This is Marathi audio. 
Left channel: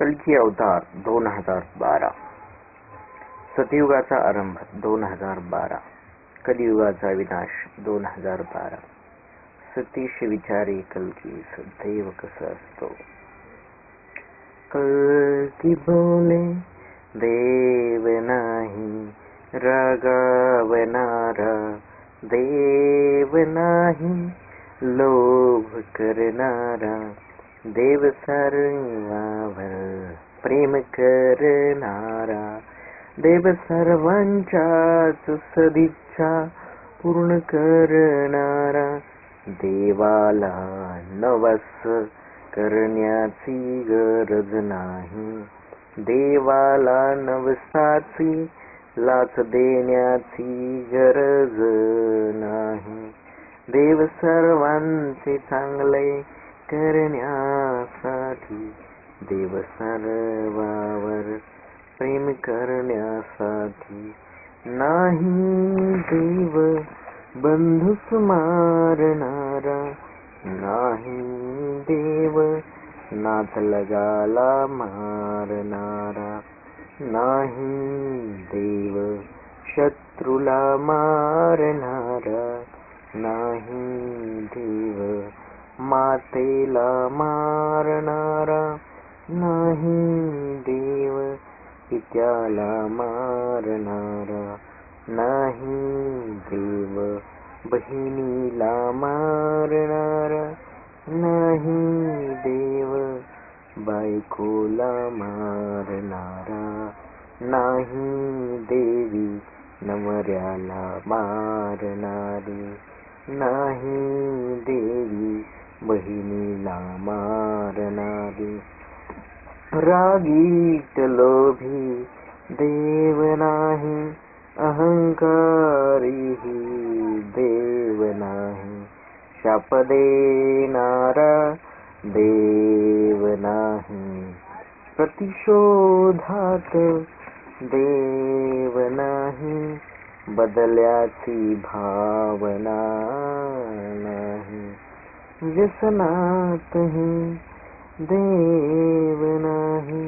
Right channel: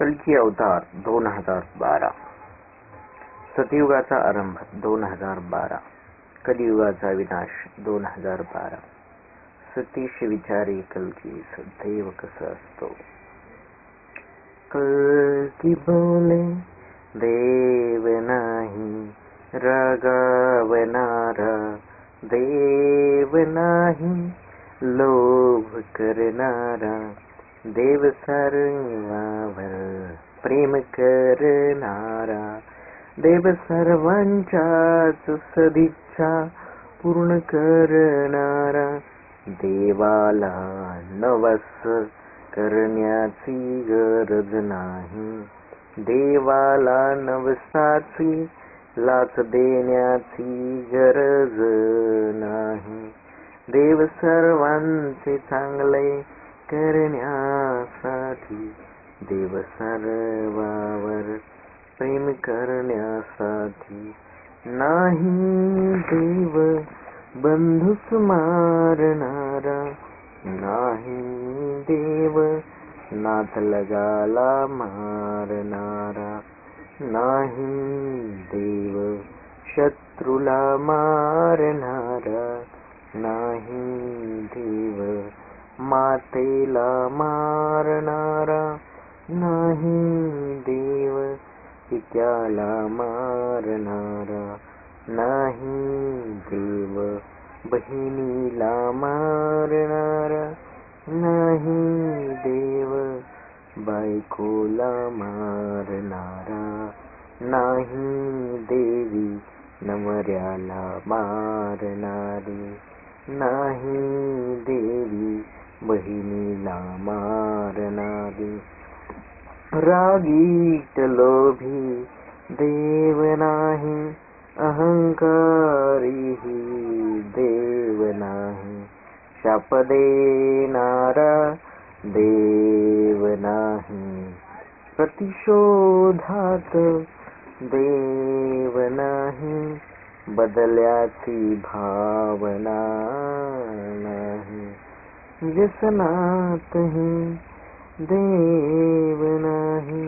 कल्की अवतार 2012, सतयुगाचा आरंभ 2012, कलियुगाचा विनाश 2012. सतीश विचारी कल्कीस देव कसा असतो. कल्की बोले देव नाही रागावणारा, देव नाही लोभ करणारा, देव सर्वांवर प्रेम करणारा, देव सर्वांच्याच सदिच्छा पूर्ण करणारा, देवाला नवस करण्याची गरज नाही, देवाला नवसाची लाच देण्याची गरज नाही, देव सर्वांचे चांगले करण्यासाठी, देव सर्वावर प्रेम करण्यासाठी, नाही देव बंधूस मारणारा, नाही देव नातलगाला मारणारा, नाही देव शत्रूला मारणारा, नाही देव मातेला मारणारा, नाही देव पित्याला मारणारा, नाही देव बहिणीला मारणारा, नाही देव बायकोला मारणारा, नाही देवी नवऱ्याला मारणारी, नाही देवी बहिणीला मारणारी, रागीट लोभी देव नाही, अहंकारीही देव नाही, शाप देणारा देव नाही, प्रतिशोधात देव नाही, बदल्याची भावना नाही, व्यसनातही देव नाही.